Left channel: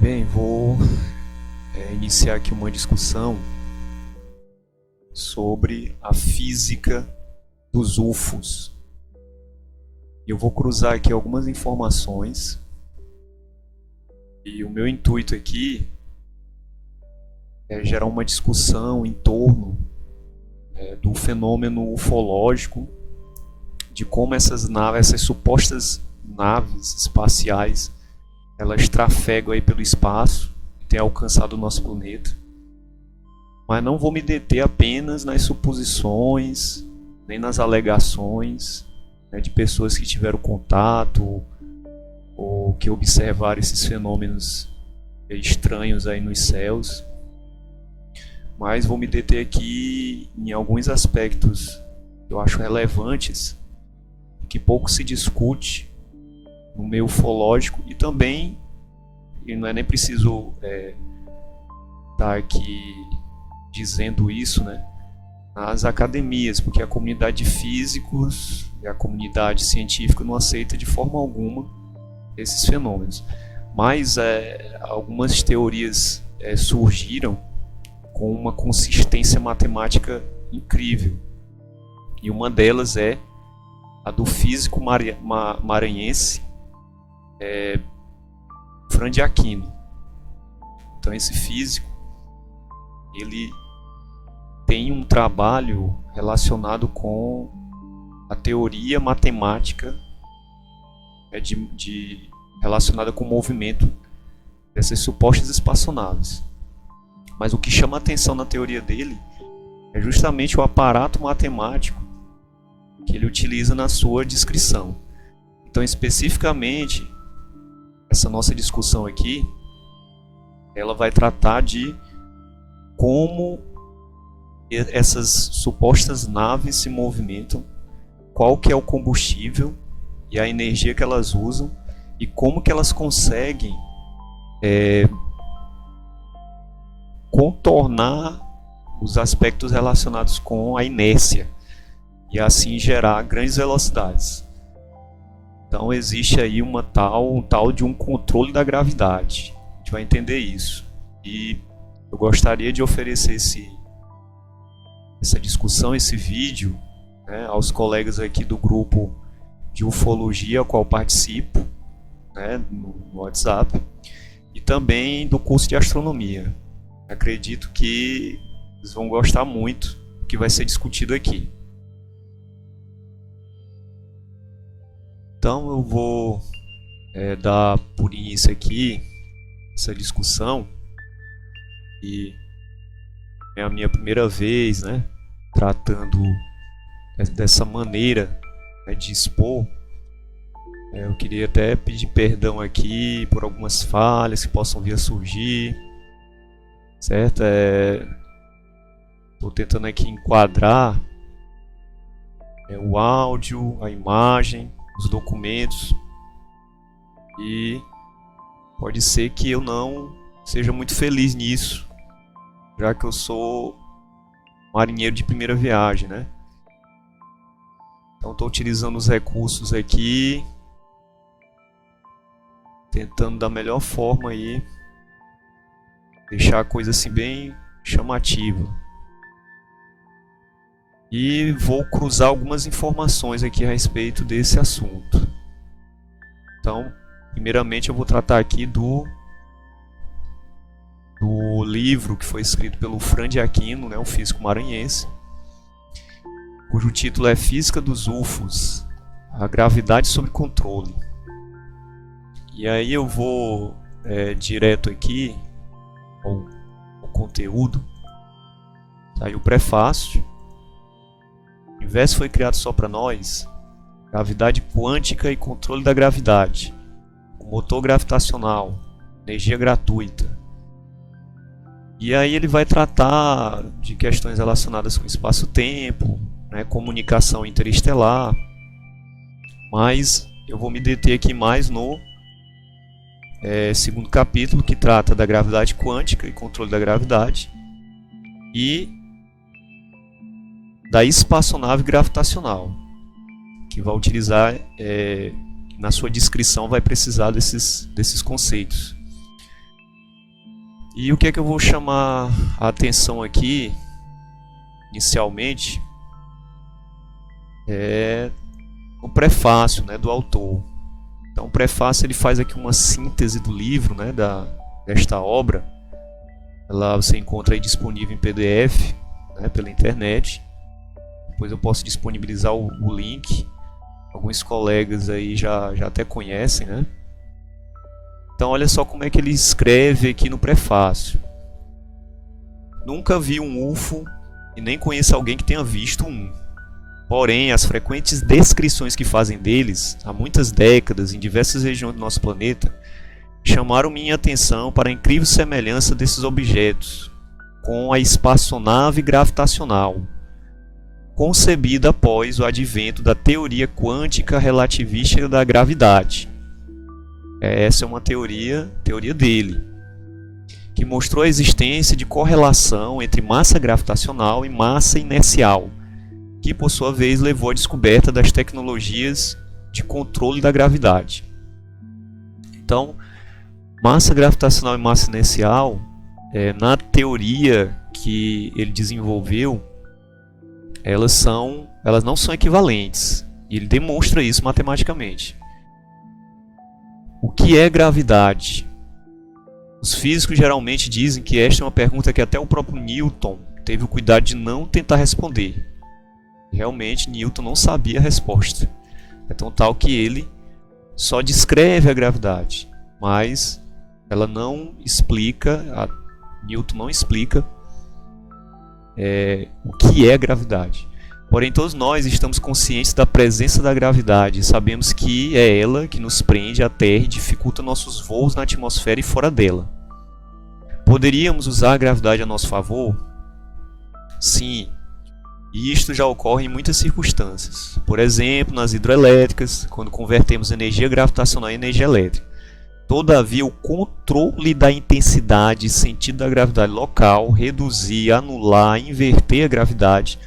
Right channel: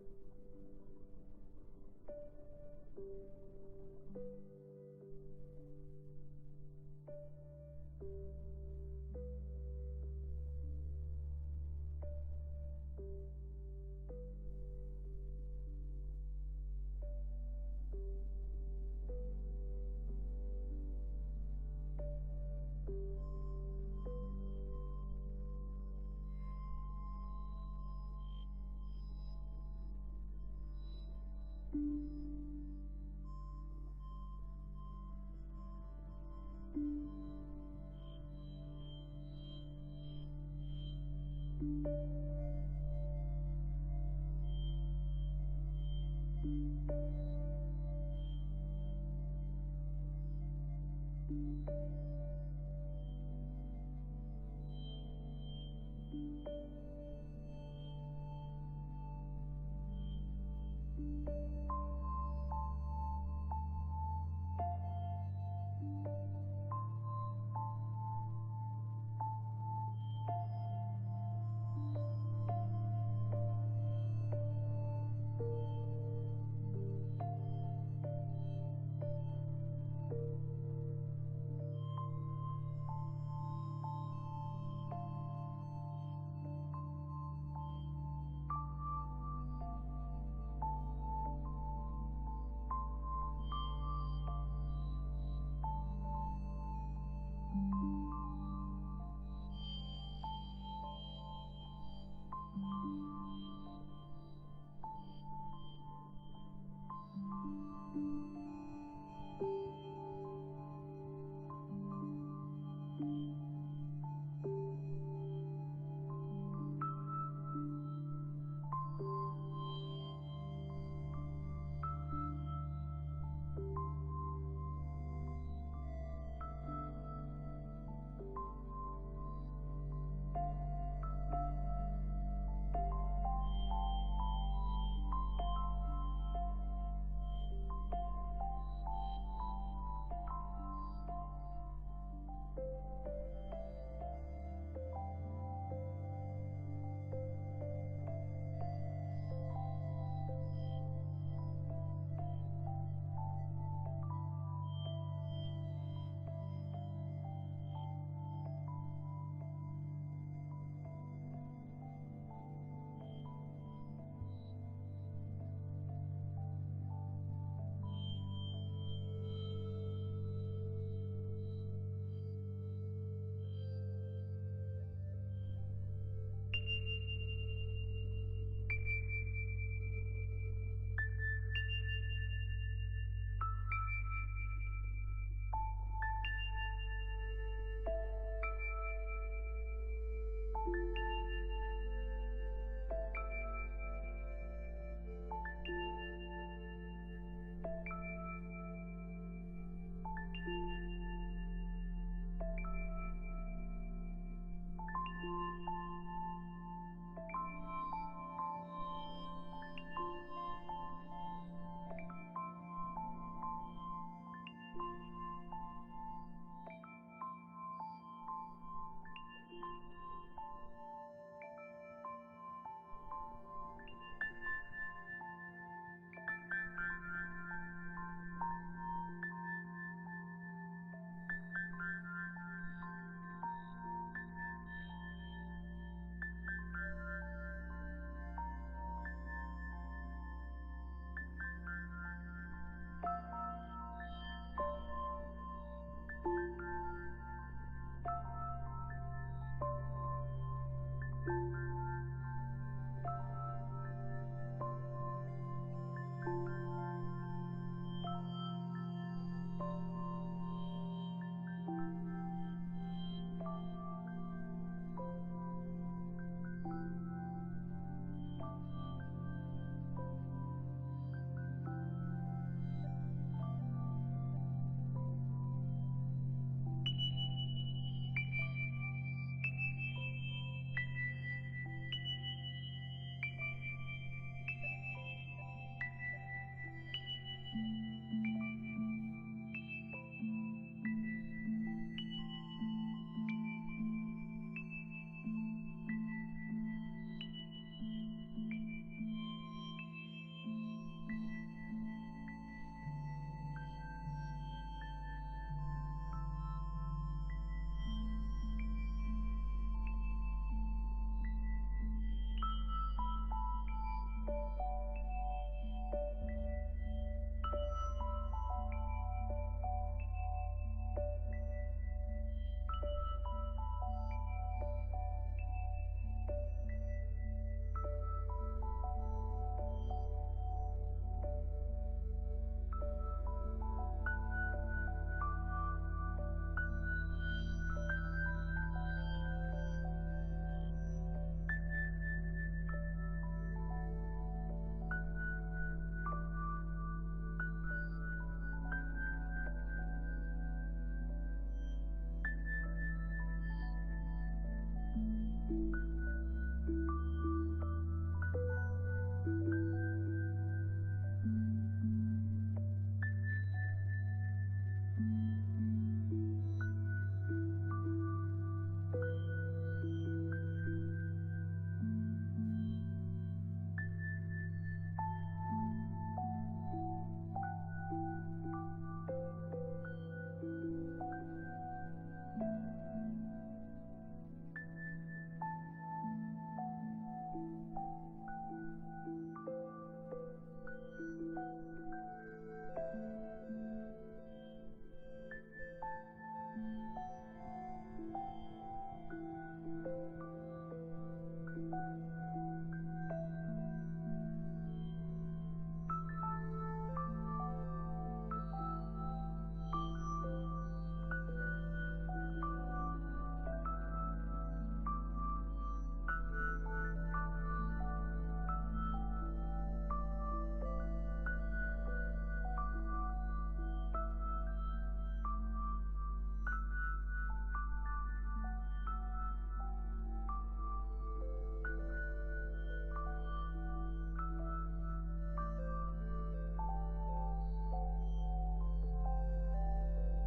Bem, vou iniciar aqui uma discussão sobre a física dos UFOs. Eu vou cruzar aqui algumas informações e o meu intuito aqui é gerar uma discussão em torno do fenômeno ufológico, de como essas naves, essas supostas naves espaciais, elas trafegam aí pelo espaço e têm alcançado o nosso planeta. Mas não vou me deter apenas nas suposições, nem nas alegações, de pessoas que tiveram contato ou que observaram esses fenômenos estranhos aí nos céus. Mas vou me deter aqui em alguns aspectos que eu acho relevantes, que pouco se discute no meio ufológico e também, e não é nem preciso estar aqui dizendo isso, nas academias, porque a comunidade de físicos e a comunidade científica não aceita de forma alguma esses fenômenos. Mas algumas teorias surgiram com uma consistência matemática incrível. E uma delas é a do físico maranhense Fran de Aquino. Então esse físico, ele tem um trabalho relacionado com a teoria matemática relacionada com o movimento dessas supostas espaçonaves. Mas o que chama a atenção na teoria dele é justamente o aparato matemático que ele utiliza na sua descrição. Então, especificamente, essa nossa discussão aqui, ela vai tratar de como essas supostas naves se movimentam, qual que é o combustível e a energia que elas usam e como que elas conseguem contornar os aspectos relacionados com a inércia e assim gerar grandes velocidades. Então existe aí um tal de um controle da gravidade. A gente vai entender isso. E eu gostaria de oferecer essa discussão, esse vídeo, aos colegas aqui do grupo de ufologia ao qual participo, no WhatsApp, e também do curso de astronomia. Acredito que eles vão gostar muito do que vai ser discutido aqui. Então eu vou dar por início aqui essa discussão, e é a minha primeira vez tratando dessa maneira de expor. Eu queria até pedir perdão aqui por algumas falhas que possam vir a surgir, certo? Estou tentando aqui enquadrar o áudio, a imagem, os documentos, e pode ser que eu não seja muito feliz nisso, já que eu sou marinheiro de primeira viagem, Então estou utilizando os recursos aqui, tentando da melhor forma aí deixar a coisa assim bem chamativa. E vou cruzar algumas informações aqui a respeito desse assunto. Então, primeiramente eu vou tratar aqui do livro que foi escrito pelo Fran de Aquino, um físico maranhense, cujo título é Física dos UFOs, a gravidade sob controle. E aí eu vou direto aqui ao conteúdo. Tá aí o prefácio. O universo foi criado só para nós. Gravidade quântica e controle da gravidade. O motor gravitacional. Energia gratuita. E aí ele vai tratar de questões relacionadas com espaço-tempo, comunicação interestelar. Mas eu vou me deter aqui mais no segundo capítulo, que trata da gravidade quântica e controle da gravidade, e da espaçonave gravitacional, que vai utilizar, na sua descrição vai precisar desses conceitos. E o que é que eu vou chamar a atenção aqui, inicialmente, é o prefácio, né, do autor. Então, o prefácio ele faz aqui uma síntese do livro, né, desta obra. Ela você encontra aí disponível em PDF, né, pela internet. Depois eu posso disponibilizar o link. Alguns colegas aí já até conhecem, né? Então, olha só como é que ele escreve aqui no prefácio. Nunca vi um UFO e nem conheço alguém que tenha visto um. Porém, as frequentes descrições que fazem deles, há muitas décadas, em diversas regiões do nosso planeta, chamaram minha atenção para a incrível semelhança desses objetos com a espaçonave gravitacional, concebida após o advento da teoria quântica relativística da gravidade. Essa é uma teoria dele, que mostrou a existência de correlação entre massa gravitacional e massa inercial, que por sua vez levou à descoberta das tecnologias de controle da gravidade. Então, massa gravitacional e massa inercial, na teoria que ele desenvolveu, elas não são equivalentes. E ele demonstra isso matematicamente. O que é gravidade? Os físicos geralmente dizem que esta é uma pergunta que até o próprio Newton teve o cuidado de não tentar responder. Realmente, Newton não sabia a resposta. É tão tal que ele só descreve a gravidade, mas ela não explica, Newton não explica o que é gravidade. Porém, todos nós estamos conscientes da presença da gravidade e sabemos que é ela que nos prende à Terra e dificulta nossos voos na atmosfera e fora dela. Poderíamos usar a gravidade a nosso favor? Sim, e isto já ocorre em muitas circunstâncias. Por exemplo, nas hidrelétricas, quando convertemos energia gravitacional em energia elétrica. Todavia, o controle da intensidade e sentido da gravidade local, reduzir, anular, inverter a gravidade,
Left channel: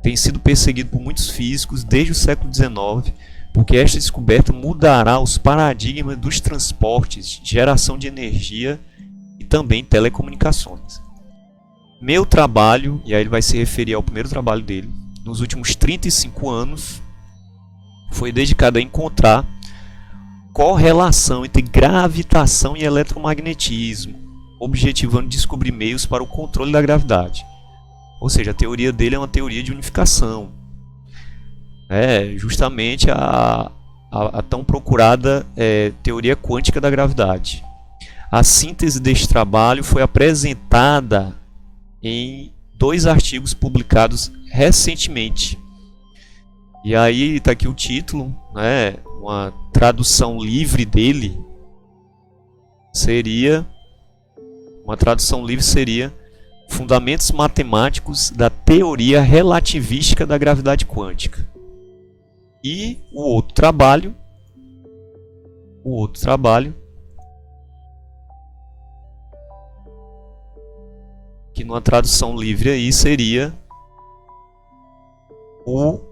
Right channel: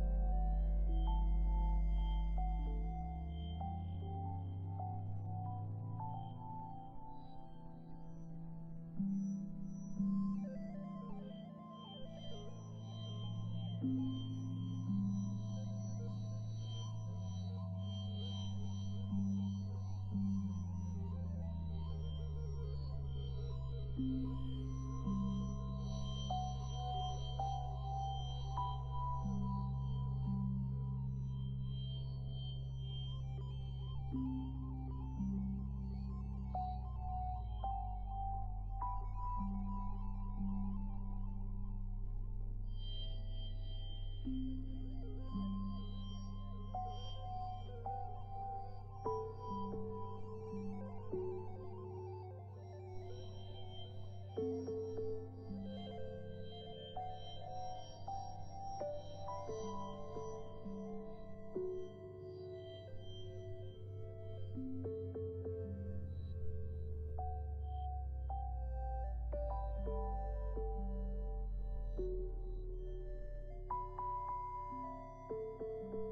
tem sido perseguido por muitos físicos desde o século XIX, porque esta descoberta mudará os paradigmas dos transportes, geração de energia e também telecomunicações. Meu trabalho, e aí ele vai se referir ao primeiro trabalho dele, nos últimos 35 anos, foi dedicado a encontrar correlação entre gravitação e eletromagnetismo, objetivando descobrir meios para o controle da gravidade. Ou seja, a teoria dele é uma teoria de unificação. É justamente a tão procurada teoria quântica da gravidade. A síntese deste trabalho foi apresentada em 2 artigos publicados recentemente. E aí está aqui o título, né? Uma tradução livre dele seria Fundamentos Matemáticos da Teoria Relativística da Gravidade Quântica. E o outro trabalho, que numa tradução livre aí seria o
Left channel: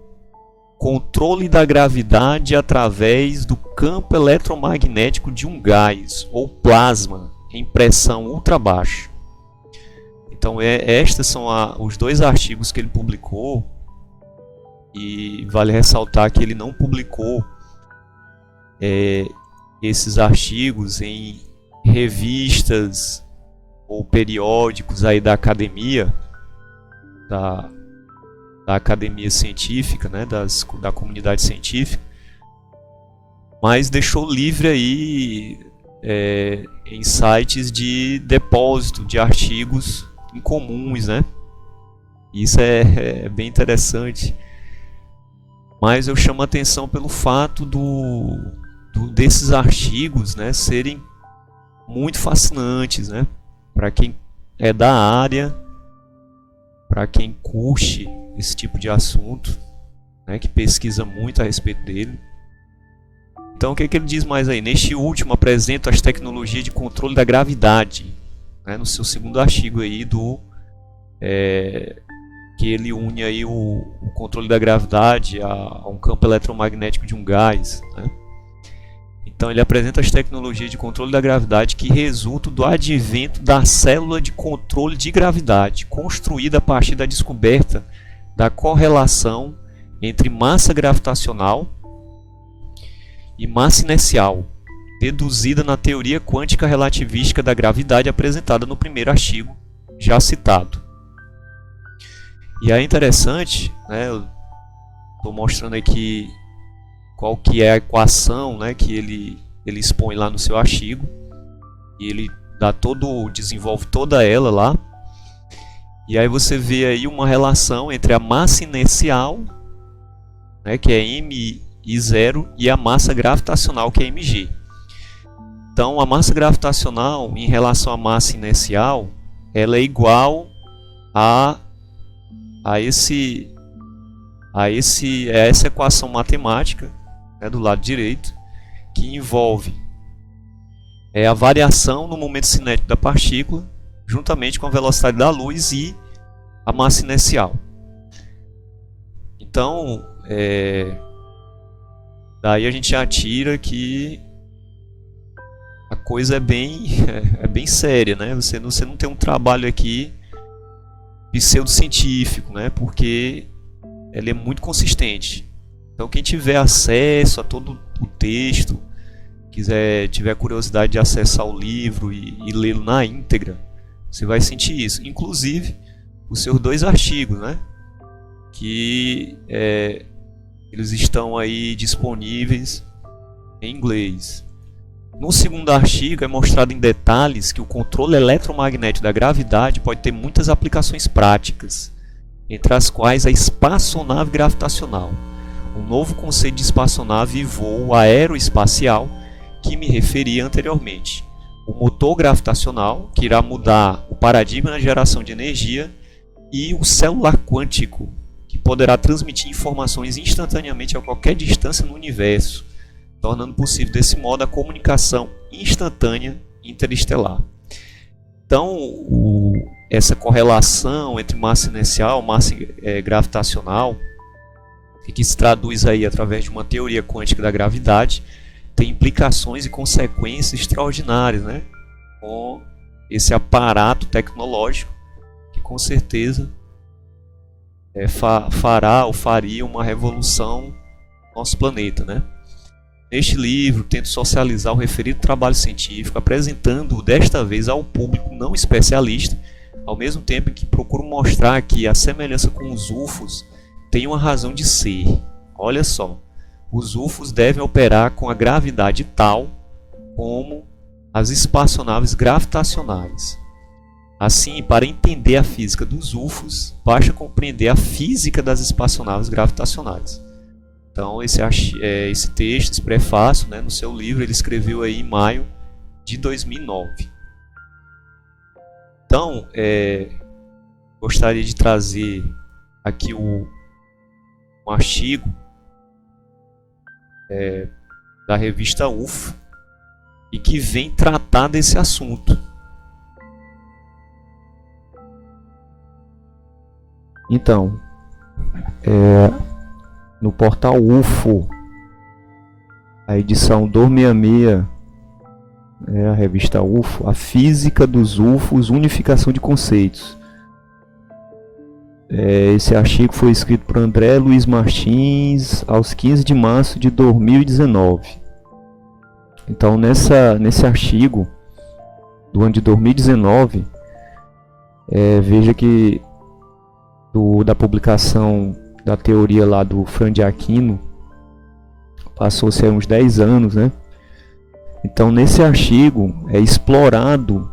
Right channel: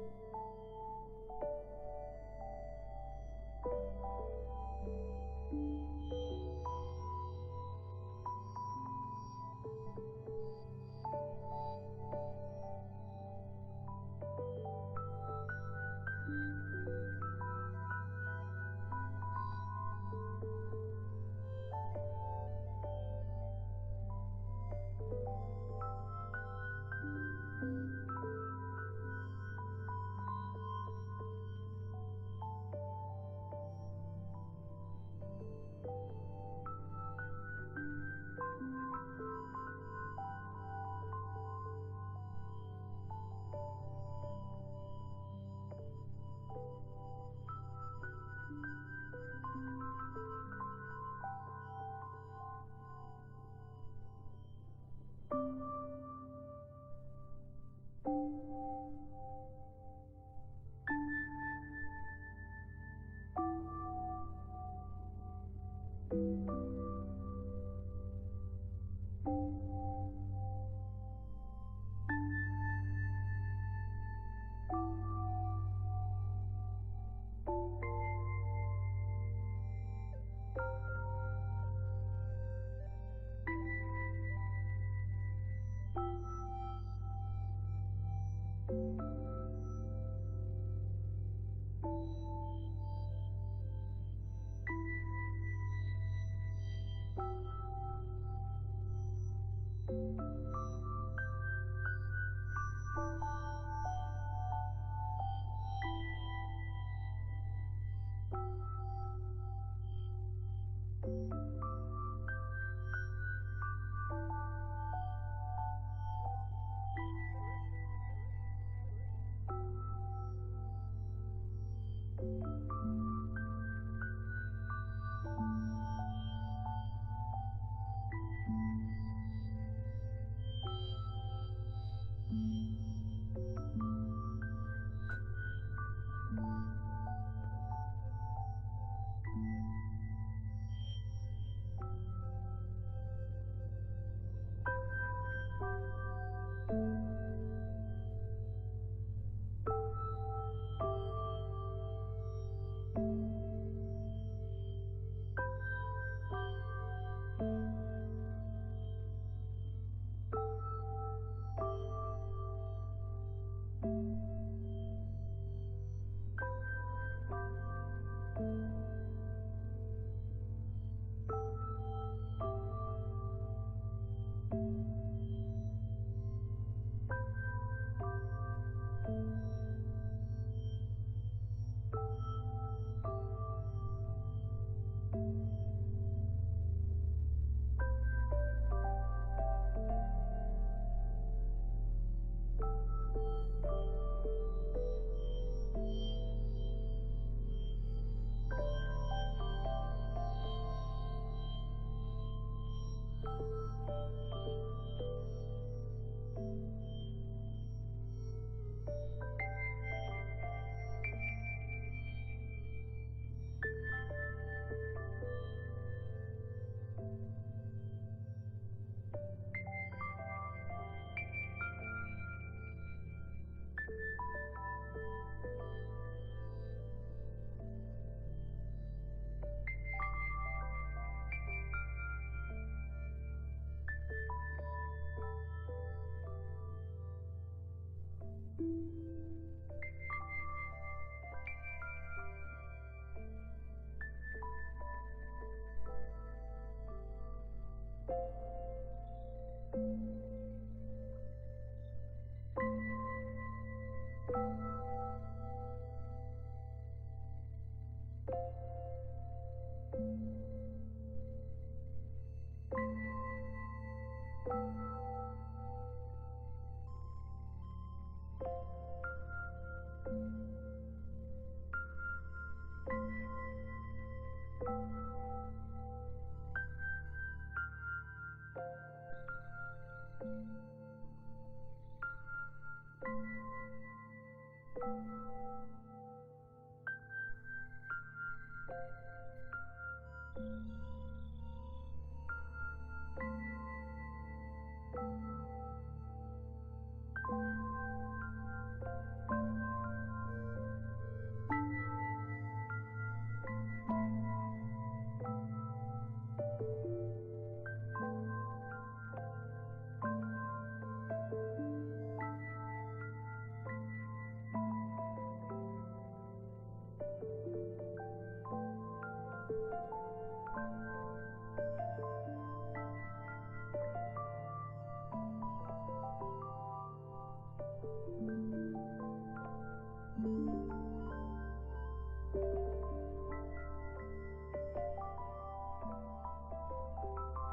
controle da gravidade através do campo eletromagnético de um gás ou plasma em pressão ultra baixa. Então, estes são os 2 artigos que ele publicou, e vale ressaltar que ele não publicou esses artigos em revistas ou periódicos aí da academia, da academia científica, né, da comunidade científica, mas deixou livre aí em sites de depósito de artigos incomuns, né? Isso é bem interessante. Mas eu chamo a atenção pelo fato desses artigos, né, serem muito fascinantes, né? Para quem é da área, para quem curte esse tipo de assunto, né, que pesquisa muito a respeito dele. Então, o que ele diz mais aí? Neste último, apresento as tecnologias de controle da gravidade, né, no seu segundo artigo aí que ele une aí o controle da gravidade a um campo eletromagnético de um gás, né? Então ele apresenta as tecnologias de controle da gravidade que resultam do advento da célula de controle de gravidade, construída a partir da descoberta da correlação entre massa gravitacional e massa inercial, deduzida na teoria quântica relativística da gravidade apresentada no primeiro artigo já citado. E é interessante, né, eu estou mostrando aqui qual que é a equação, né, que ele expõe lá no seu artigo, e ele desenvolve toda ela lá. E aí você vê aí uma relação entre a massa inercial, né, que é mI0, e a massa gravitacional, que é mg. Então a massa gravitacional em relação à massa inercial, ela é igual a essa equação matemática, né, do lado direito, que envolve a variação no momento cinético da partícula, juntamente com a velocidade da luz e a massa inercial. Então, daí a gente já tira que a coisa é bem séria, né? Você não tem um trabalho aqui pseudocientífico, né? Porque ela é muito consistente. Então quem tiver acesso a todo o texto, tiver curiosidade de acessar o livro e lê-lo na íntegra, você vai sentir isso. Inclusive os seus 2 artigos, né? Que eles estão aí disponíveis em inglês. No segundo artigo é mostrado em detalhes que o controle eletromagnético da gravidade pode ter muitas aplicações práticas, entre as quais a espaçonave gravitacional, um novo conceito de espaçonave e voo aeroespacial que me referi anteriormente, o motor gravitacional, que irá mudar o paradigma na geração de energia, e o celular quântico, que poderá transmitir informações instantaneamente a qualquer distância no universo, tornando possível desse modo a comunicação instantânea interestelar. Então, essa correlação entre massa inercial e massa gravitacional, que se traduz aí através de uma teoria quântica da gravidade, tem implicações e consequências extraordinárias, né? Com esse aparato tecnológico que com certeza faria uma revolução no nosso planeta, né? Neste livro, tento socializar o referido trabalho científico, apresentando-o desta vez ao público não especialista, ao mesmo tempo em que procuro mostrar que a semelhança com os UFOs tem uma razão de ser. Olha só, os UFOs devem operar com a gravidade tal como as espaçonaves gravitacionais. Assim, para entender a física dos UFOs, basta compreender a física das espaçonaves gravitacionais. Então, esse texto, esse prefácio, né, no seu livro, ele escreveu aí em maio de 2009. Então, gostaria de trazer aqui um artigo da revista UFO e que vem tratar desse assunto. Então, no portal UFO, a edição 266, a revista UFO, a física dos UFOs, unificação de conceitos. Esse artigo foi escrito por André Luiz Martins aos 15 de março de 2019. Então, nesse artigo do ano de 2019, veja que da publicação da teoria lá do Franz de Aquino passou-se uns 10 anos, né? Então, nesse artigo é explorado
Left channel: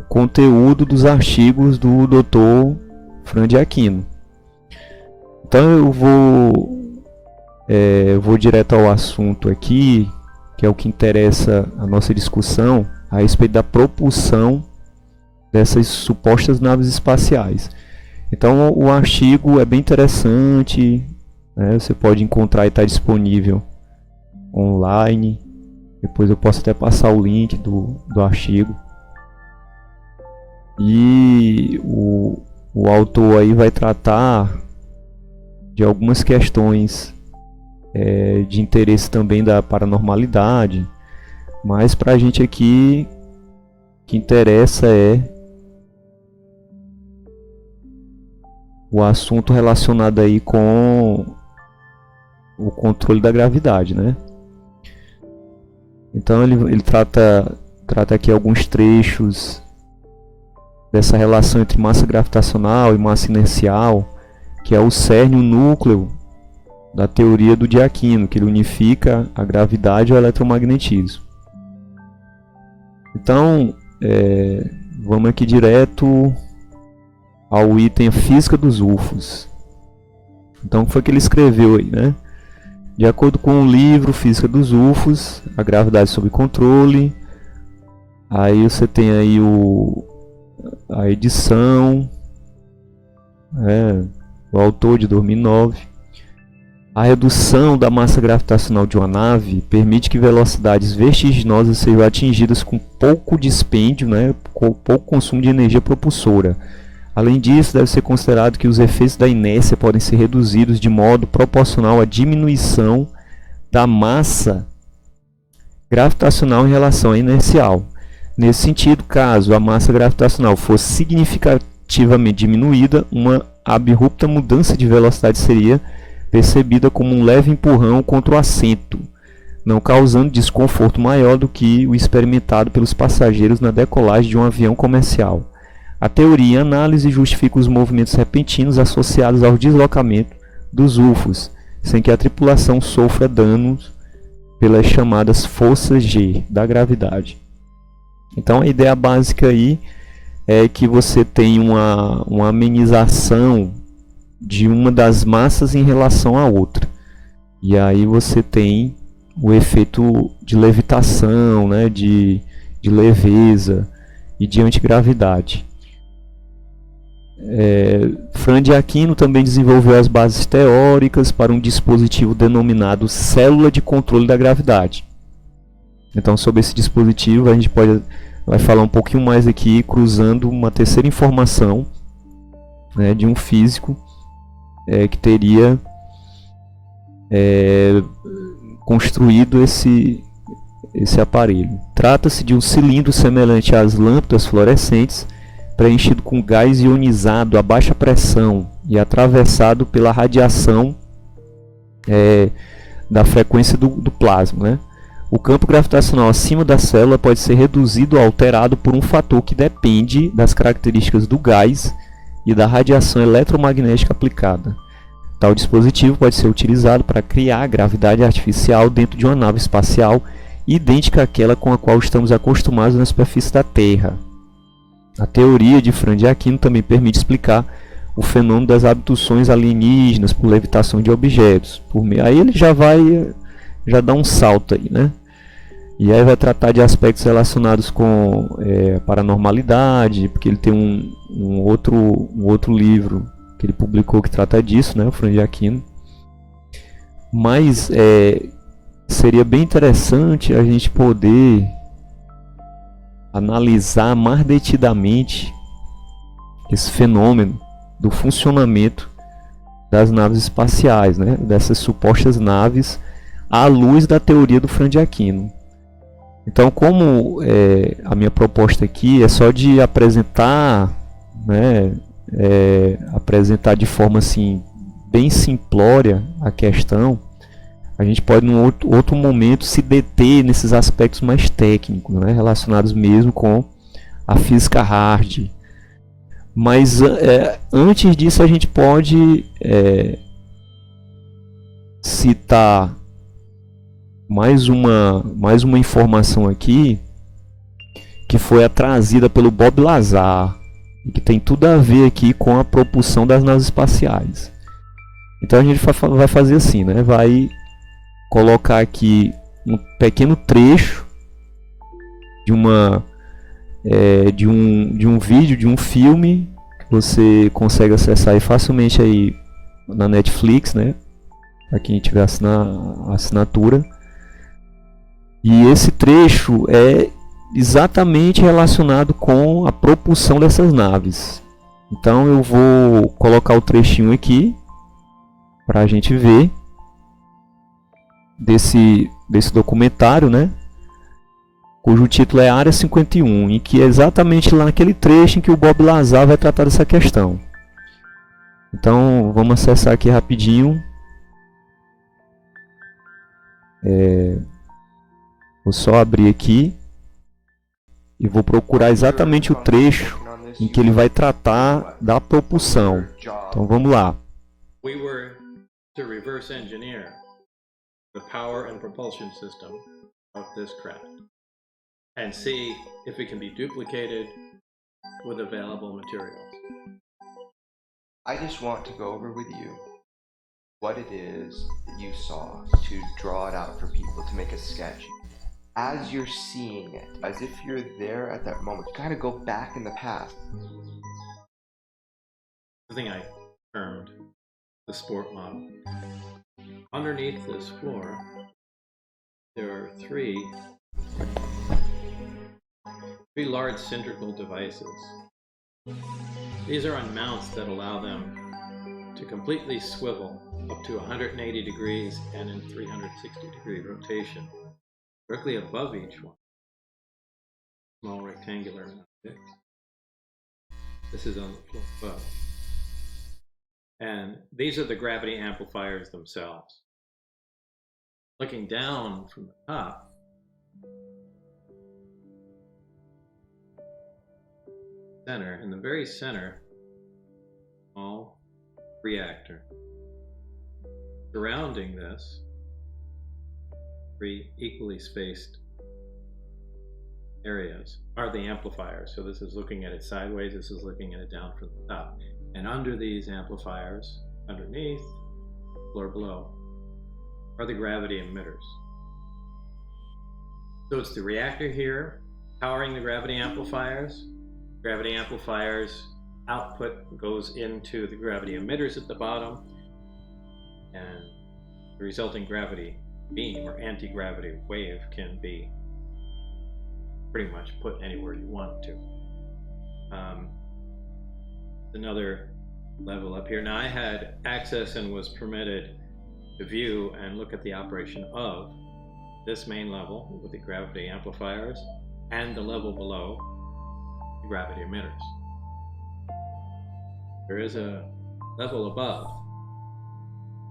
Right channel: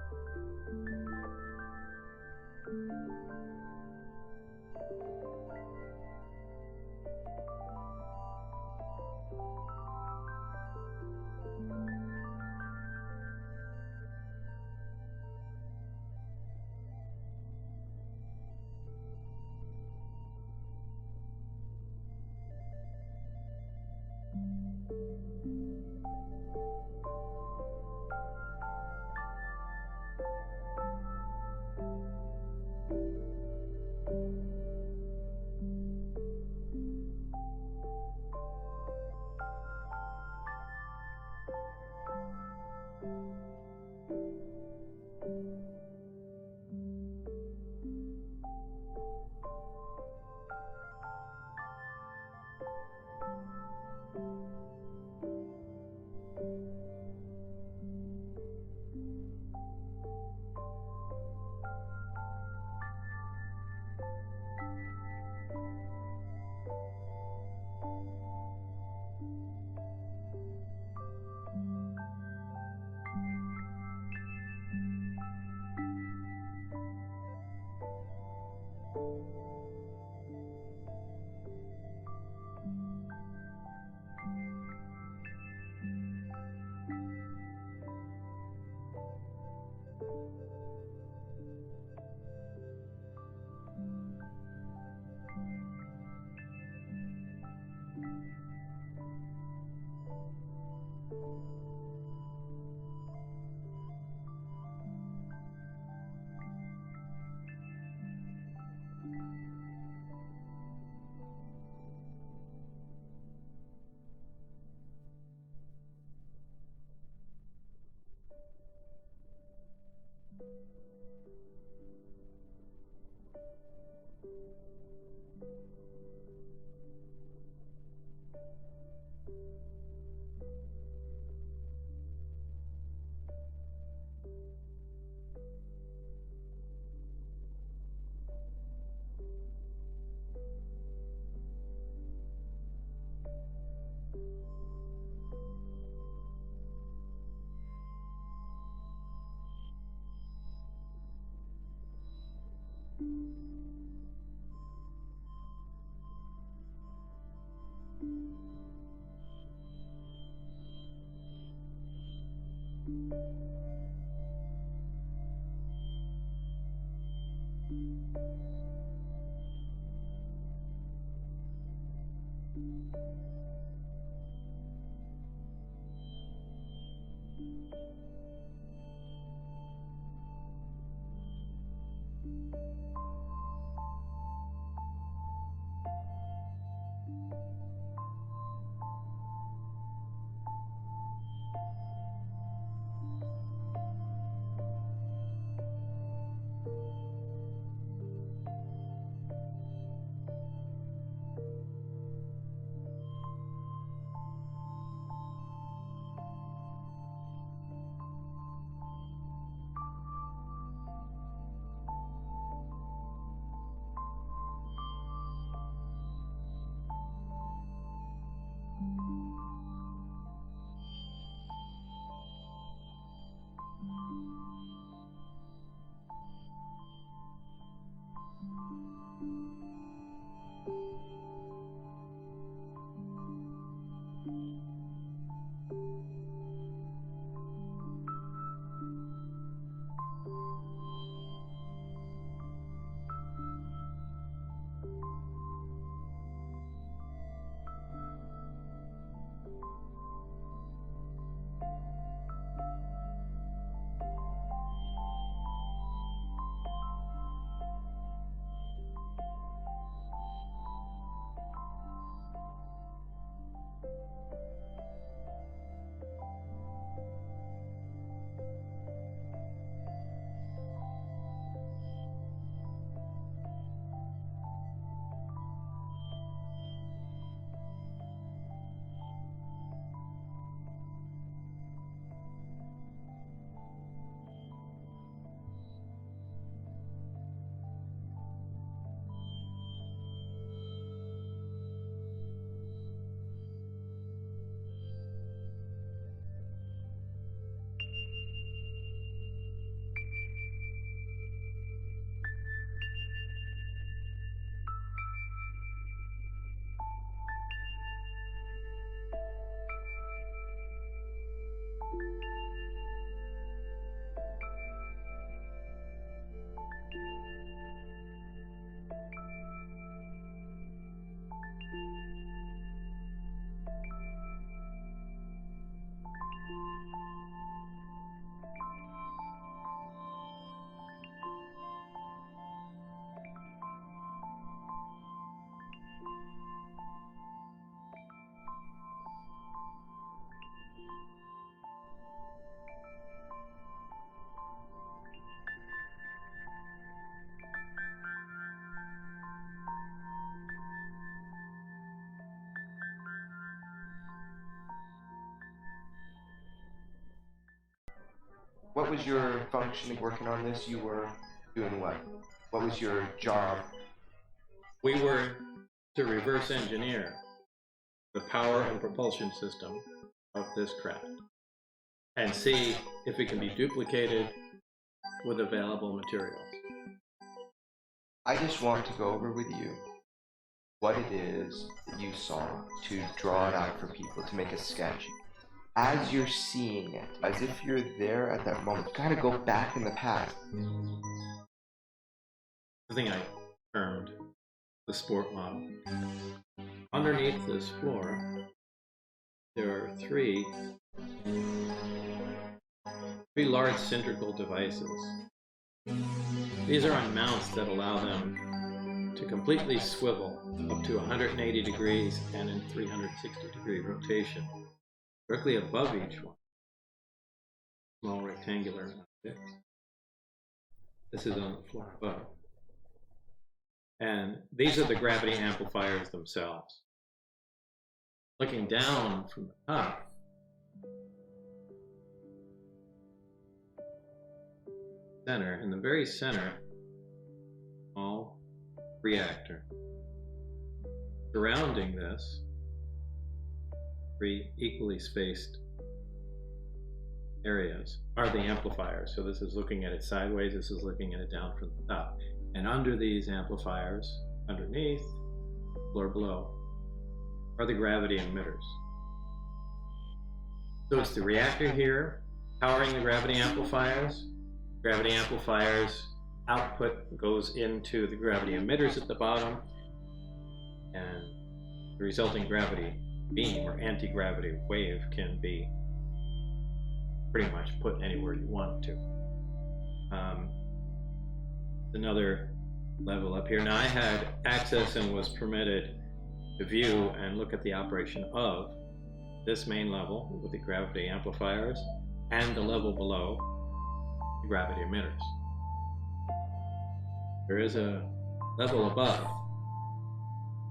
o conteúdo dos artigos do Dr. Franz de Aquino. Então eu vou direto ao assunto aqui, que é o que interessa a nossa discussão a respeito da propulsão dessas supostas naves espaciais. Então o artigo é bem interessante, né? Você pode encontrar e está disponível online. Depois eu posso até passar o link do artigo. E o autor aí vai tratar de algumas questões de interesse também da paranormalidade, mas para a gente aqui o que interessa é o assunto relacionado aí com o controle da gravidade, né? Então ele trata aqui alguns trechos dessa relação entre massa gravitacional e massa inercial, que é o cerne, o núcleo da teoria do de Aquino, que ele unifica a gravidade e o eletromagnetismo. Então, vamos aqui direto ao item física dos UFOs. Então, o que foi que ele escreveu aí, né? De acordo com o livro Física dos UFOs, a gravidade sob controle, aí você tem aí a edição, o autor de 2009. A redução da massa gravitacional de uma nave permite que velocidades vertiginosas sejam atingidas com pouco dispêndio, né, com pouco consumo de energia propulsora. Além disso, deve ser considerado que os efeitos da inércia podem ser reduzidos de modo proporcional à diminuição da massa gravitacional em relação à inercial. Nesse sentido, caso a massa gravitacional fosse significativamente diminuída, uma abrupta mudança de velocidade seria percebida como um leve empurrão contra o assento, não causando desconforto maior do que o experimentado pelos passageiros na decolagem de um avião comercial. A teoria em análise justifica os movimentos repentinos associados ao deslocamento dos UFOs, sem que a tripulação sofra danos pelas chamadas forças G da gravidade. Então a ideia básica aí é que você tem uma amenização de uma das massas em relação à outra. E aí você tem o efeito de levitação, né, de leveza e de antigravidade. Franz de Aquino também desenvolveu as bases teóricas para um dispositivo denominado célula de controle da gravidade. Então, sobre esse dispositivo, a gente vai falar um pouquinho mais aqui, cruzando uma terceira informação, né, de um físico que teria construído esse aparelho. Trata-se de um cilindro semelhante às lâmpadas fluorescentes, preenchido com gás ionizado a baixa pressão e atravessado pela radiação da frequência do plasma, né? O campo gravitacional acima da célula pode ser reduzido ou alterado por um fator que depende das características do gás e da radiação eletromagnética aplicada. Tal dispositivo pode ser utilizado para criar gravidade artificial dentro de uma nave espacial idêntica àquela com a qual estamos acostumados na superfície da Terra. A teoria de Franz de Aquino também permite explicar o fenômeno das abduções alienígenas por levitação de objetos. Aí ele já dá um salto aí, né? E aí vai tratar de aspectos relacionados com paranormalidade, porque ele tem um outro livro que ele publicou que trata disso, né, o Franz de Aquino. Mas seria bem interessante a gente poder analisar mais detidamente esse fenômeno do funcionamento das naves espaciais, né, dessas supostas naves, à luz da teoria do Franz de Aquino. Então, como a minha proposta aqui é só de apresentar, né, apresentar de forma assim bem simplória a questão, a gente pode em outro momento se deter nesses aspectos mais técnicos, né, relacionados mesmo com a física hard. Mas antes disso a gente pode citar mais uma informação aqui que foi trazida pelo Bob Lazar e que tem tudo a ver aqui com a propulsão das naves espaciais. Então a gente vai fazer assim, né? Vai colocar aqui um pequeno trecho de um vídeo, de um filme que você consegue acessar aí facilmente aí na Netflix, né? Para quem tiver assinatura. E esse trecho é exatamente relacionado com a propulsão dessas naves. Então eu vou colocar o trechinho aqui para a gente ver. desse documentário, né? Cujo título é Área 51, e que é exatamente lá naquele trecho em que o Bob Lazar vai tratar dessa questão. Então vamos acessar aqui rapidinho. Vou só abrir aqui e vou procurar exatamente o trecho em que ele vai tratar da propulsão. Então vamos lá. We were to reverse engineer the power and propulsion system of this craft and see if it can be duplicated with available materials. I just want to go over with you what it is that you saw, to draw it out for people, to make a sketch. As you're seeing it, as if you're there at that moment, kind of go back in the past. The thing I termed the sport model. Underneath this floor, there are three large cylindrical devices. These are on mounts that allow them to completely swivel up to 180 degrees and in 360 degree rotation, directly above each one. Small rectangular objects. This is on the floor above. And these are the gravity amplifiers themselves. Looking down from the top, center, in the very center, small reactor. Surrounding this, three equally spaced areas are the amplifiers. So this is looking at it sideways, this is looking at it down from the top. And under these amplifiers, underneath, or below, are the gravity emitters. So it's the reactor here, powering the gravity amplifiers. Gravity amplifiers output goes into the gravity emitters at the bottom, and the resulting gravity beam or anti-gravity wave can be pretty much put anywhere you want it to. Another level up here. Now I had access and was permitted to view and look at the operation of this main level with the gravity amplifiers and the level below the gravity emitters. There is a level above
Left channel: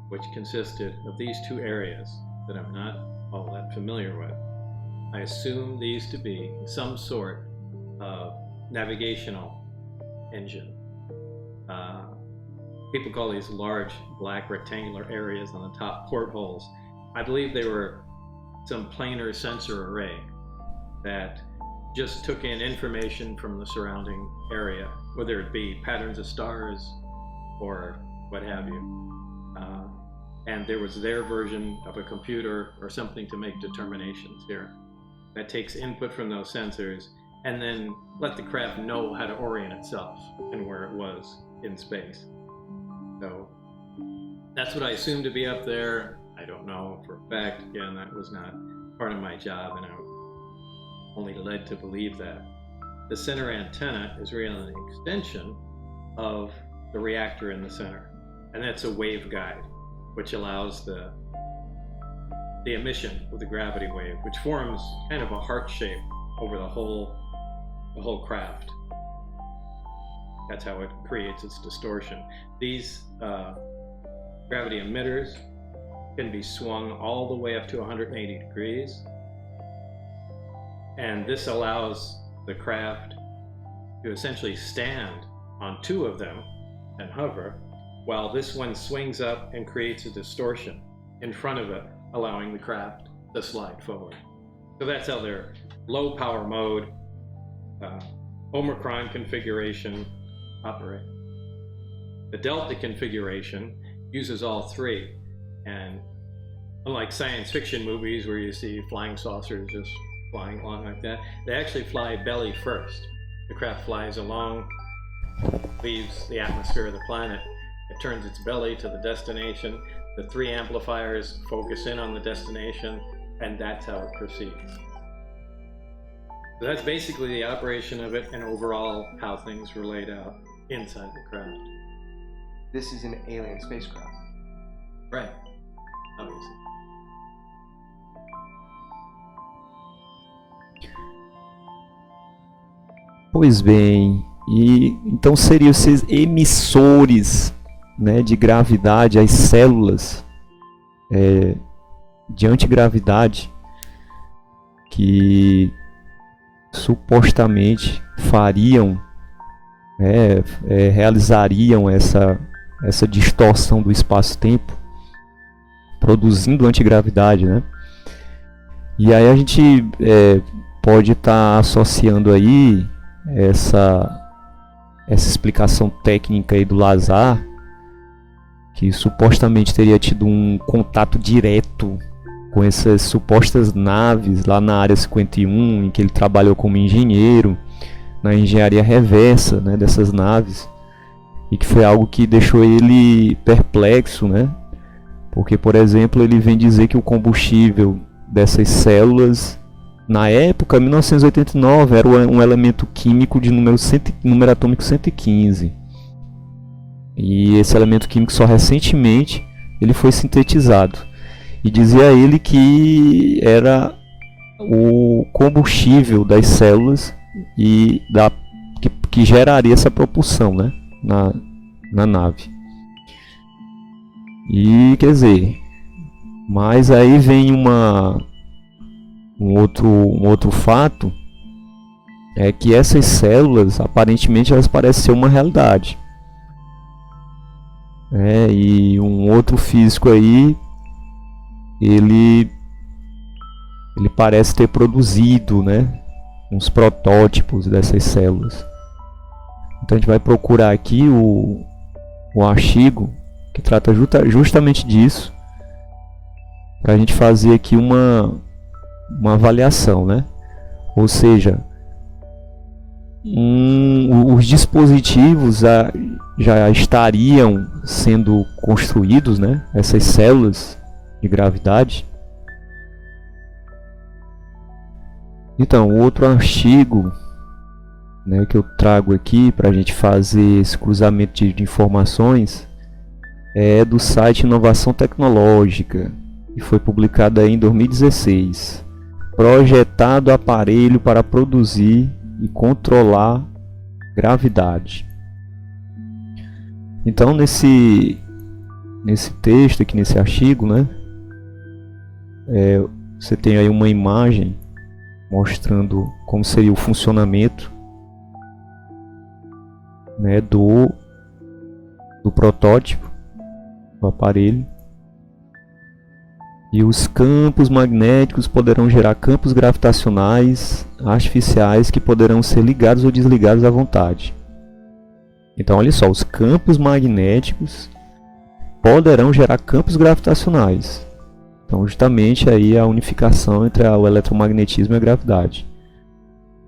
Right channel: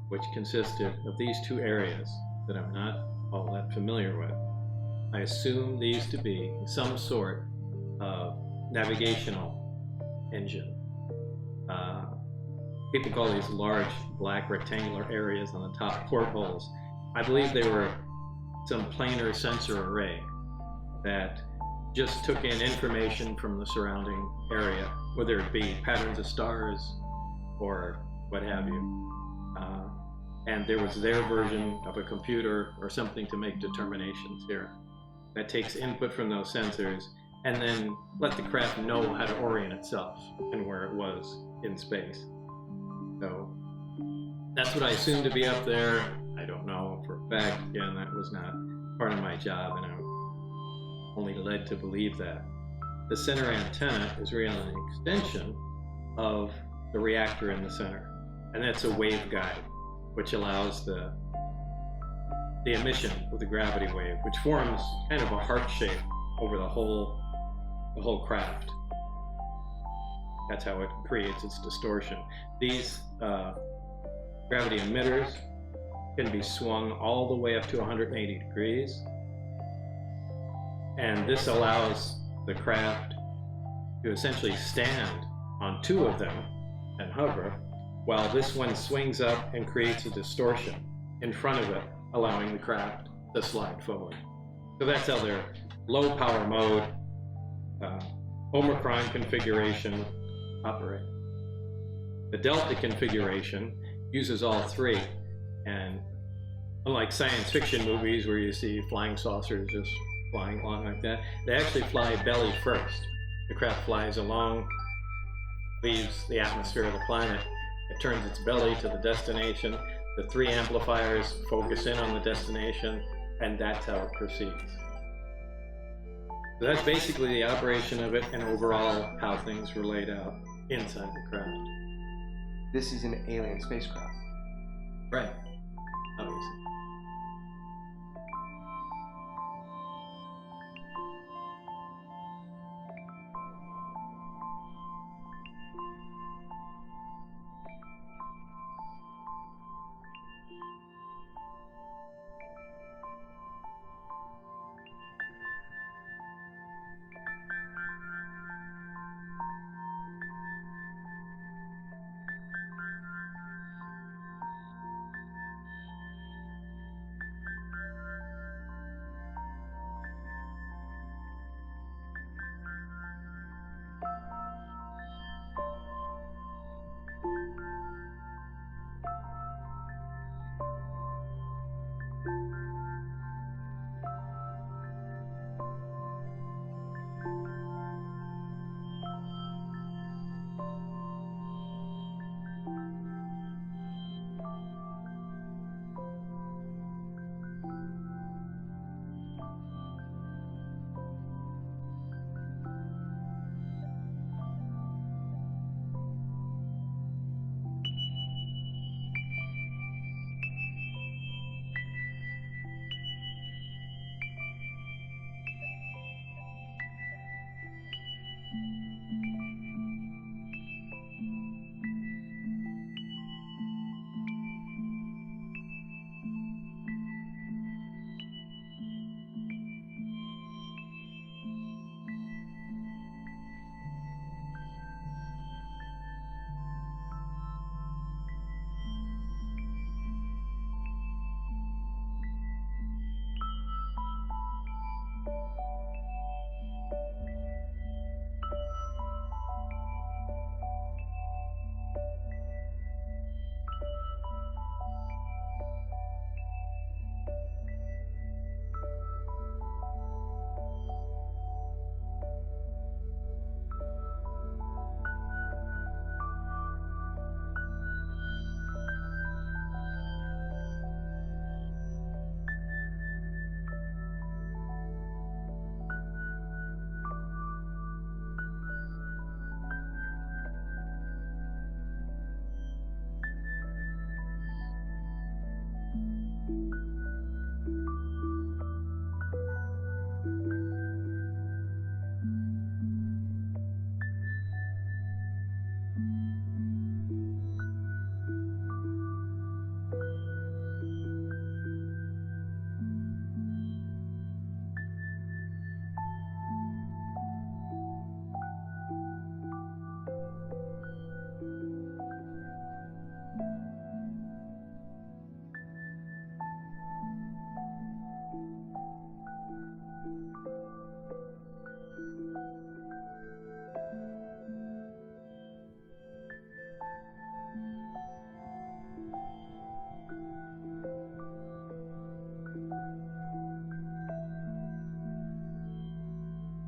which consisted of these two areas that I'm not all that familiar with. I assume these to be some sort of navigational engine. People call these large black rectangular areas on the top portholes. I believe they were some planar sensor array that just took in information from the surrounding area, whether it be patterns of stars or what have you. And there was their version of a computer or something to make determinations here. That takes input from those sensors and then let the craft know how to orient itself and where it was in space. So that's what I assumed to be up there. I don't know for a fact. Again, that was not part of my job, and I'm only led to believe that. The center antenna is really an extension of the reactor in the center, and that's a waveguide, which allows the emission of the gravity wave, which forms kind of a heart shape over the whole craft. That's how it creates its distortion. These gravity emitters can be swung all the way up to 180 degrees. And this allows the craft to essentially stand on two of them and hover, while this one swings up and creates a distortion in front of it, allowing the craft to slide forward. So that's how their low power mode, Omicron configuration operate. The Delta configuration uses all three, and unlike science fiction movies where you see flying saucers just flying along like that, they actually fly belly first. The craft flies along, leaves the atmosphere of the planet, it turns its belly to the destination, the three amplifiers focus in on the destination, and that's how it proceeds. So that's basically the operation of it and overall how things were laid out inside the craft. This is an alien spacecraft. Right, obviously. Pois bem, e então seriam esses emissores, né, de gravidade, as células de antigravidade que supostamente fariam, realizariam essa distorção do espaço-tempo, produzindo antigravidade, né? E aí a gente pode estar associando aí essa explicação técnica aí do Lazar, que supostamente teria tido um contato direto com essas supostas naves lá na Área 51, em que ele trabalhou como engenheiro, na engenharia reversa, né, dessas naves, e que foi algo que deixou ele perplexo, né? Porque, por exemplo, ele vem dizer que o combustível dessas células, na época, 1989, era um elemento químico de número atômico 115. E esse elemento químico só recentemente ele foi sintetizado. E dizia ele que era o combustível das células e que geraria essa propulsão, né, na nave. E quer dizer, mas aí vem um outro fato, é que essas células aparentemente elas parecem ser uma realidade. E um outro físico aí, ele parece ter produzido, né, uns protótipos dessas células. Então a gente vai procurar aqui o artigo que trata justamente disso, para a gente fazer aqui uma avaliação, né? Ou seja, os dispositivos já estariam sendo construídos, né? Essas células de gravidade. Então, outro artigo, né, que eu trago aqui para a gente fazer esse cruzamento de informações é do site Inovação Tecnológica, e foi publicado aí em 2016. Projetado aparelho para produzir e controlar gravidade. Então, nesse texto aqui, nesse artigo, né, você tem aí uma imagem mostrando como seria o funcionamento, né, do protótipo do aparelho. E os campos magnéticos poderão gerar campos gravitacionais artificiais que poderão ser ligados ou desligados à vontade. Então, olha só, os campos magnéticos poderão gerar campos gravitacionais. Então, justamente aí a unificação entre o eletromagnetismo e a gravidade.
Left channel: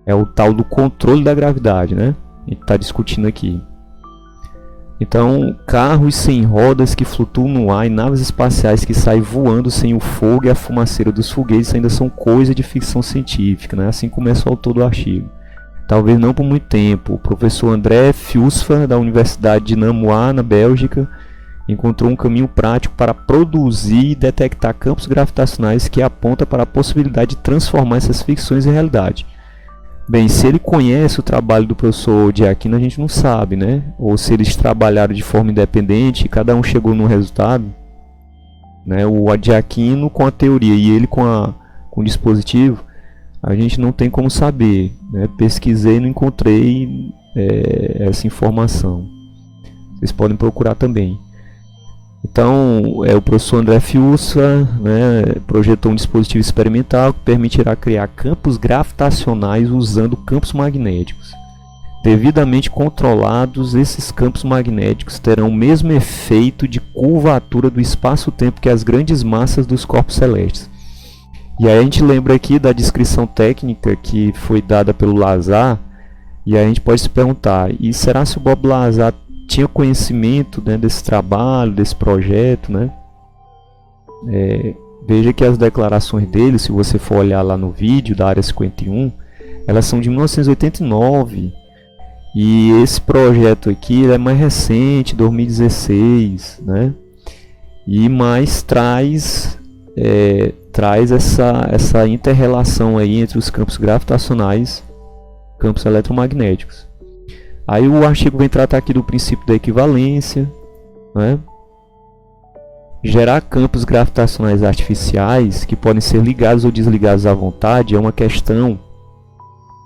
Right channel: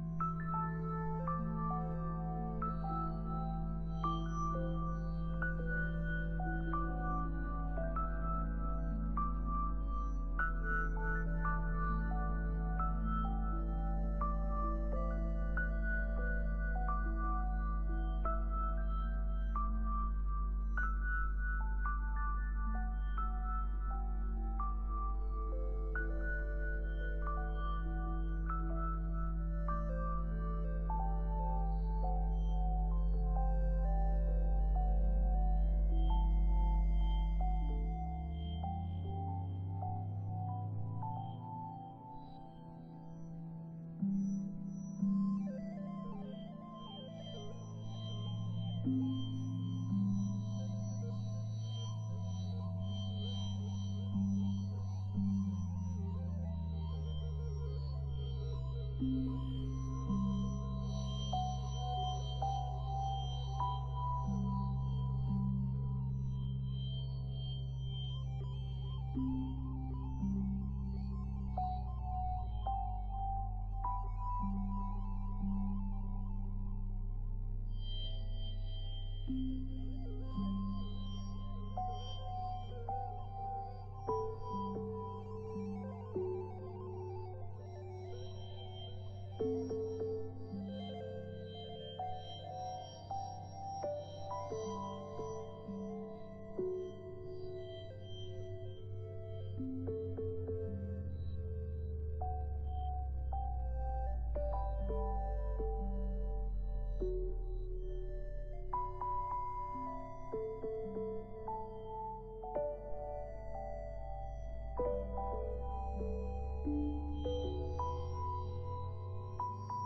É o tal do controle da gravidade, né? A gente está discutindo aqui. Então, carros sem rodas que flutuam no ar e naves espaciais que saem voando sem o fogo e a fumaceira dos foguetes ainda são coisa de ficção científica, né? Assim começa o autor do artigo. Talvez não por muito tempo. O professor André Fiusfa, da Universidade de Namur, na Bélgica, encontrou um caminho prático para produzir e detectar campos gravitacionais que aponta para a possibilidade de transformar essas ficções em realidade. Bem, se ele conhece o trabalho do professor de Aquino, a gente não sabe, né? Ou se eles trabalharam de forma independente e cada um chegou num resultado, né? O de Aquino com a teoria e ele com o dispositivo, a gente não tem como saber, né? Pesquisei e não encontrei essa informação. Vocês podem procurar também. Então, o professor André Fiusfa, né, projetou um dispositivo experimental que permitirá criar campos gravitacionais usando campos magnéticos. Devidamente controlados, esses campos magnéticos terão o mesmo efeito de curvatura do espaço-tempo que as grandes massas dos corpos celestes. E aí a gente lembra aqui da descrição técnica que foi dada pelo Lazar, e aí a gente pode se perguntar, e será se o Bob Lazar tinha conhecimento, né, desse trabalho, desse projeto, né? Veja que as declarações dele, se você for olhar lá no vídeo da Área 51, elas são de 1989, e esse projeto aqui é mais recente, 2016, né? E mais traz traz essa inter-relação aí entre os campos gravitacionais e campos eletromagnéticos. Aí o artigo vem tratar aqui do princípio da equivalência, né? Gerar campos gravitacionais artificiais que podem ser ligados ou desligados à vontade é uma questão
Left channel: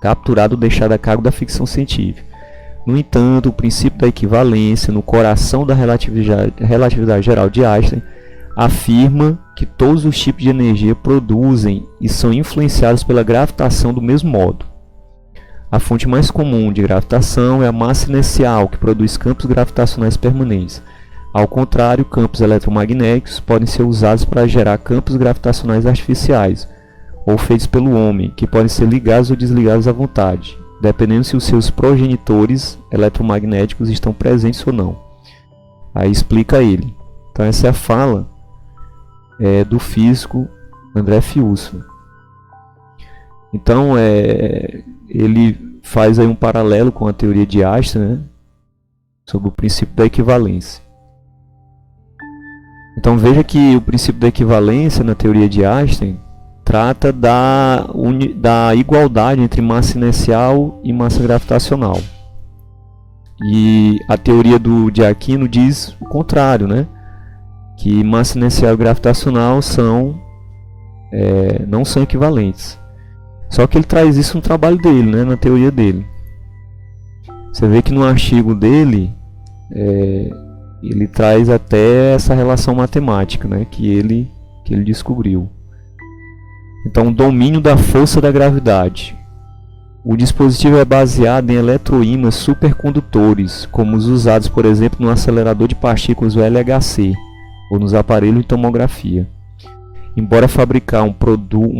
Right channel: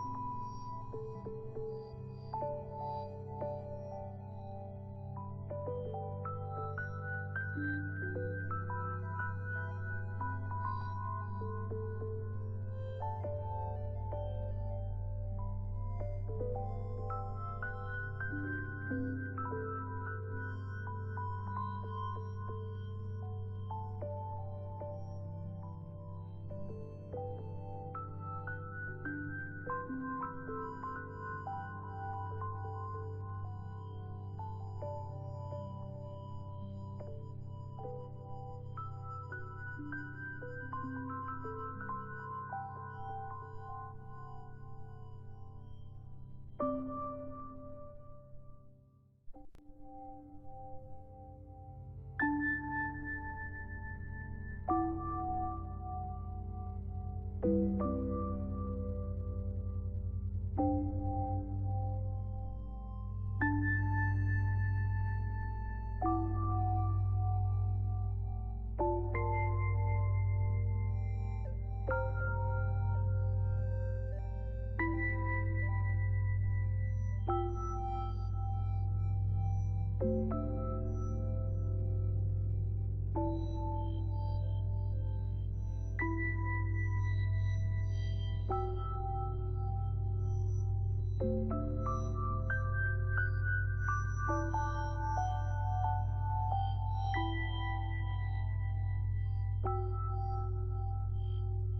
capturada ou deixada a cargo da ficção científica. No entanto, o princípio da equivalência, no coração da relatividade geral de Einstein, afirma que todos os tipos de energia produzem e são influenciados pela gravitação do mesmo modo. A fonte mais comum de gravitação é a massa inercial, que produz campos gravitacionais permanentes. Ao contrário, campos eletromagnéticos podem ser usados para gerar campos gravitacionais artificiais, ou feitos pelo homem, que podem ser ligados ou desligados à vontade, dependendo se os seus progenitores eletromagnéticos estão presentes ou não. Aí explica ele. Então essa é a fala do físico André Fiuso. Então ele faz aí um paralelo com a teoria de Einstein, né, sobre o princípio da equivalência. Então veja que o princípio da equivalência na teoria de Einstein trata da igualdade entre massa inercial e massa gravitacional. E a teoria de Aquino diz o contrário, né? Que massa inercial e gravitacional não são equivalentes. Só que ele traz isso no trabalho dele, né? Na teoria dele. Você vê que no artigo dele ele traz até essa relação matemática, né? que ele descobriu. Então, o domínio da força da gravidade. O dispositivo é baseado em eletroímãs supercondutores, como os usados, por exemplo, no acelerador de partículas, o LHC, ou nos aparelhos de tomografia. Embora fabricar um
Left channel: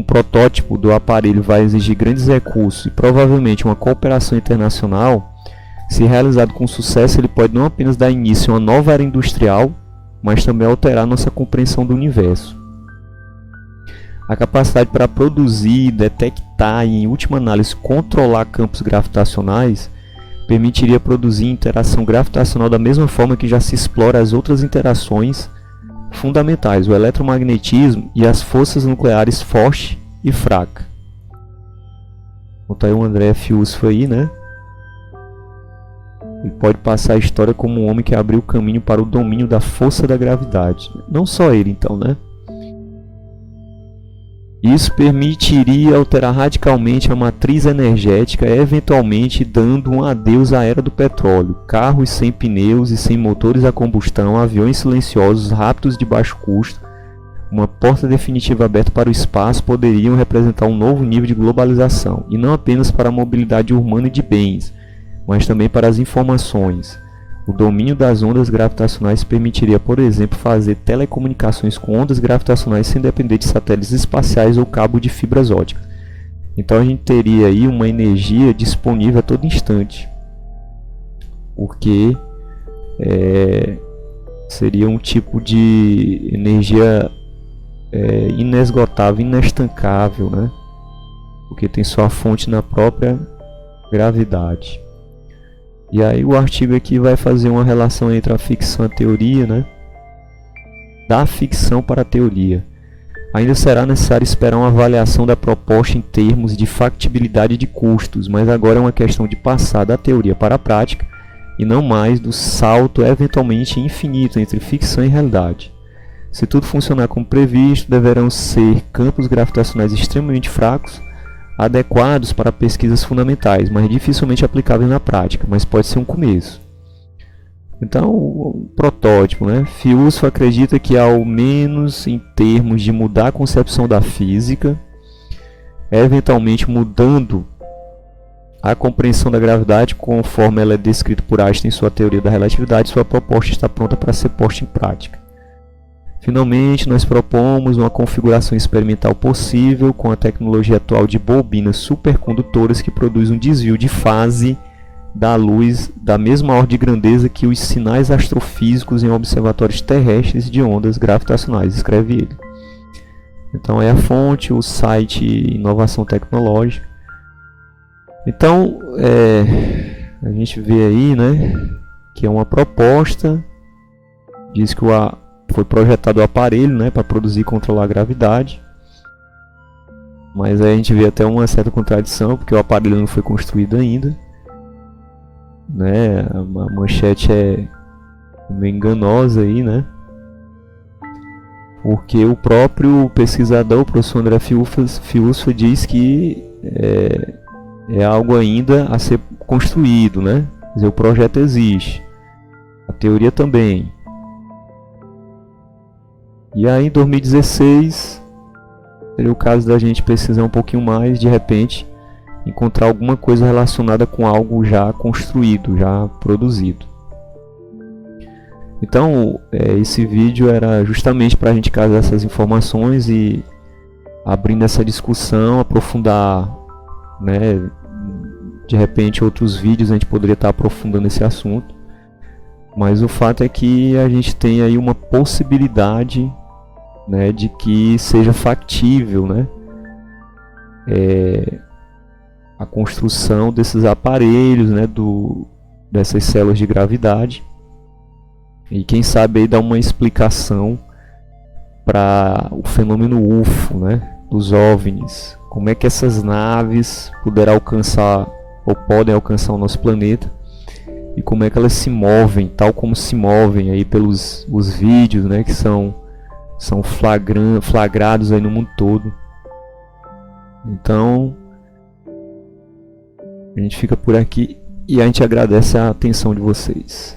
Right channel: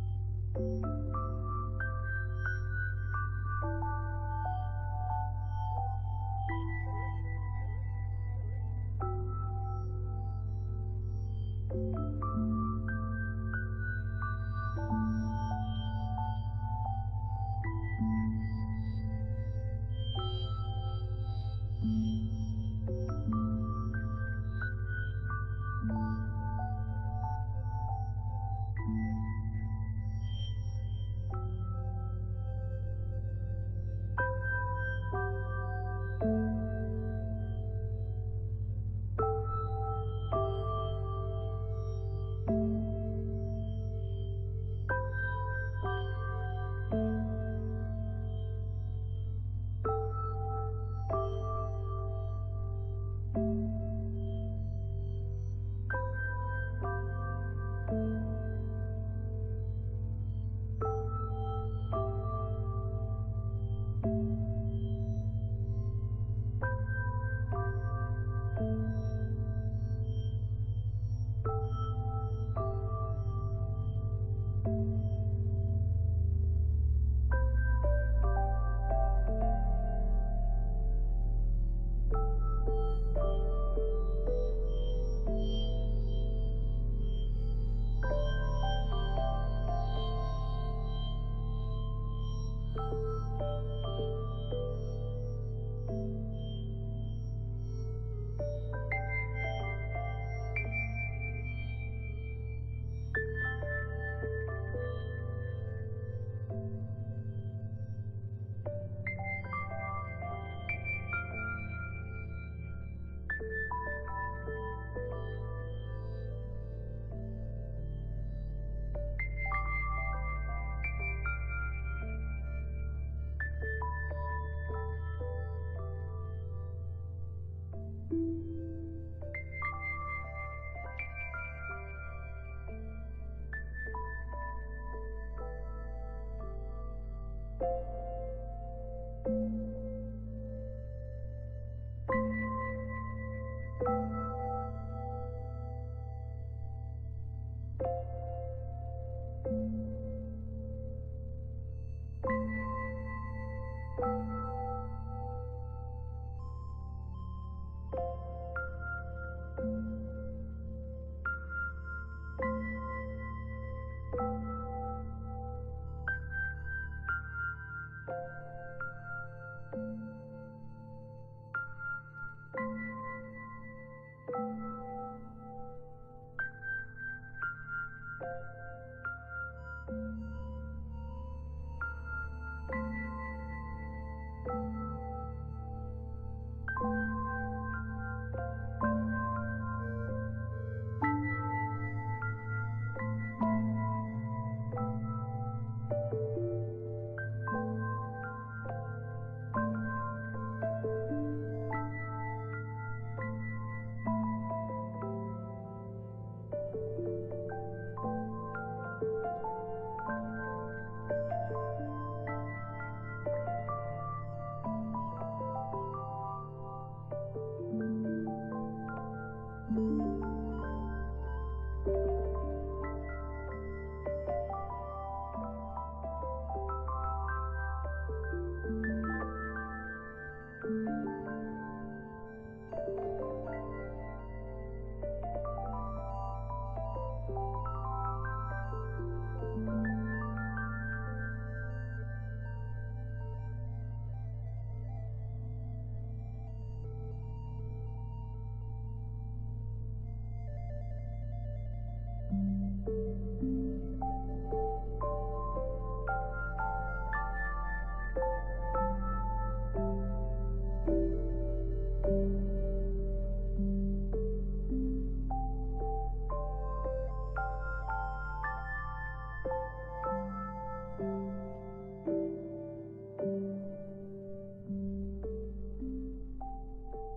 protótipo do aparelho vai exigir grandes recursos e provavelmente uma cooperação internacional, se realizado com sucesso, ele pode não apenas dar início a uma nova era industrial, mas também alterar nossa compreensão do universo. A capacidade para produzir, detectar e, em última análise, controlar campos gravitacionais permitiria produzir interação gravitacional da mesma forma que já se explora as outras interações fundamentais, o eletromagnetismo e as forças nucleares forte e fraca. Então aí o André Fiuso aí, né? Ele pode passar a história como um homem que abriu o caminho para o domínio da força da gravidade. Não só ele, então, né? Isso permitiria alterar radicalmente a matriz energética, eventualmente dando um adeus à era do petróleo. Carros sem pneus e sem motores a combustão, aviões silenciosos, rápidos de baixo custo, uma porta definitiva aberta para o espaço poderiam representar um novo nível de globalização, e não apenas para a mobilidade urbana e de bens, mas também para as informações. O domínio das ondas gravitacionais permitiria, por exemplo, fazer telecomunicações com ondas gravitacionais sem depender de satélites espaciais ou cabo de fibras óticas. Então a gente teria aí uma energia disponível a todo instante, porque seria um tipo de energia inesgotável, inestancável, né? Porque tem sua fonte na própria gravidade. E aí o artigo aqui vai fazer uma relação entre a ficção e a teoria, né? Da ficção para a teoria. Ainda será necessário esperar uma avaliação da proposta em termos de factibilidade de custos, mas agora é uma questão de passar da teoria para a prática e não mais do salto eventualmente infinito entre ficção e realidade. Se tudo funcionar como previsto, deverão ser campos gravitacionais extremamente fracos, adequados para pesquisas fundamentais, mas dificilmente aplicáveis na prática, mas pode ser um começo. Então, o protótipo, né? Fiuso acredita que, ao menos em termos de mudar a concepção da física, eventualmente mudando a compreensão da gravidade conforme ela é descrita por Einstein em sua teoria da relatividade, sua proposta está pronta para ser posta em prática. Finalmente, nós propomos uma configuração experimental possível com a tecnologia atual de bobinas supercondutoras que produz um desvio de fase da luz da mesma ordem de grandeza que os sinais astrofísicos em observatórios terrestres de ondas gravitacionais, escreve ele. Então é a fonte, o site Inovação Tecnológica. Então, a gente vê aí, né, que é uma proposta, diz que foi projetado o aparelho, né, para produzir e controlar a gravidade. Mas aí a gente vê até uma certa contradição, porque o aparelho não foi construído ainda, né? A manchete é meio enganosa aí, né? Porque o próprio pesquisador, o professor André Fiusfa, diz que é algo ainda a ser construído, né? Quer dizer, o projeto existe, a teoria também. E aí em 2016 seria o caso da gente pesquisar um pouquinho mais, de repente encontrar alguma coisa relacionada com algo já construído, já produzido. Então esse vídeo era justamente para a gente casar essas informações e abrindo essa discussão, aprofundar, né? De repente outros vídeos a gente poderia estar aprofundando esse assunto, mas o fato é que a gente tem aí uma possibilidade, né, de que seja factível, né, a construção desses aparelhos, né, dessas células de gravidade, e quem sabe aí dar uma explicação para o fenômeno UFO, né, dos OVNIs, como é que essas naves puderam alcançar ou podem alcançar o nosso planeta e como é que elas se movem, tal como se movem aí pelos os vídeos, né, que são flagrados aí no mundo todo. Então a gente fica por aqui e a gente agradece a atenção de vocês.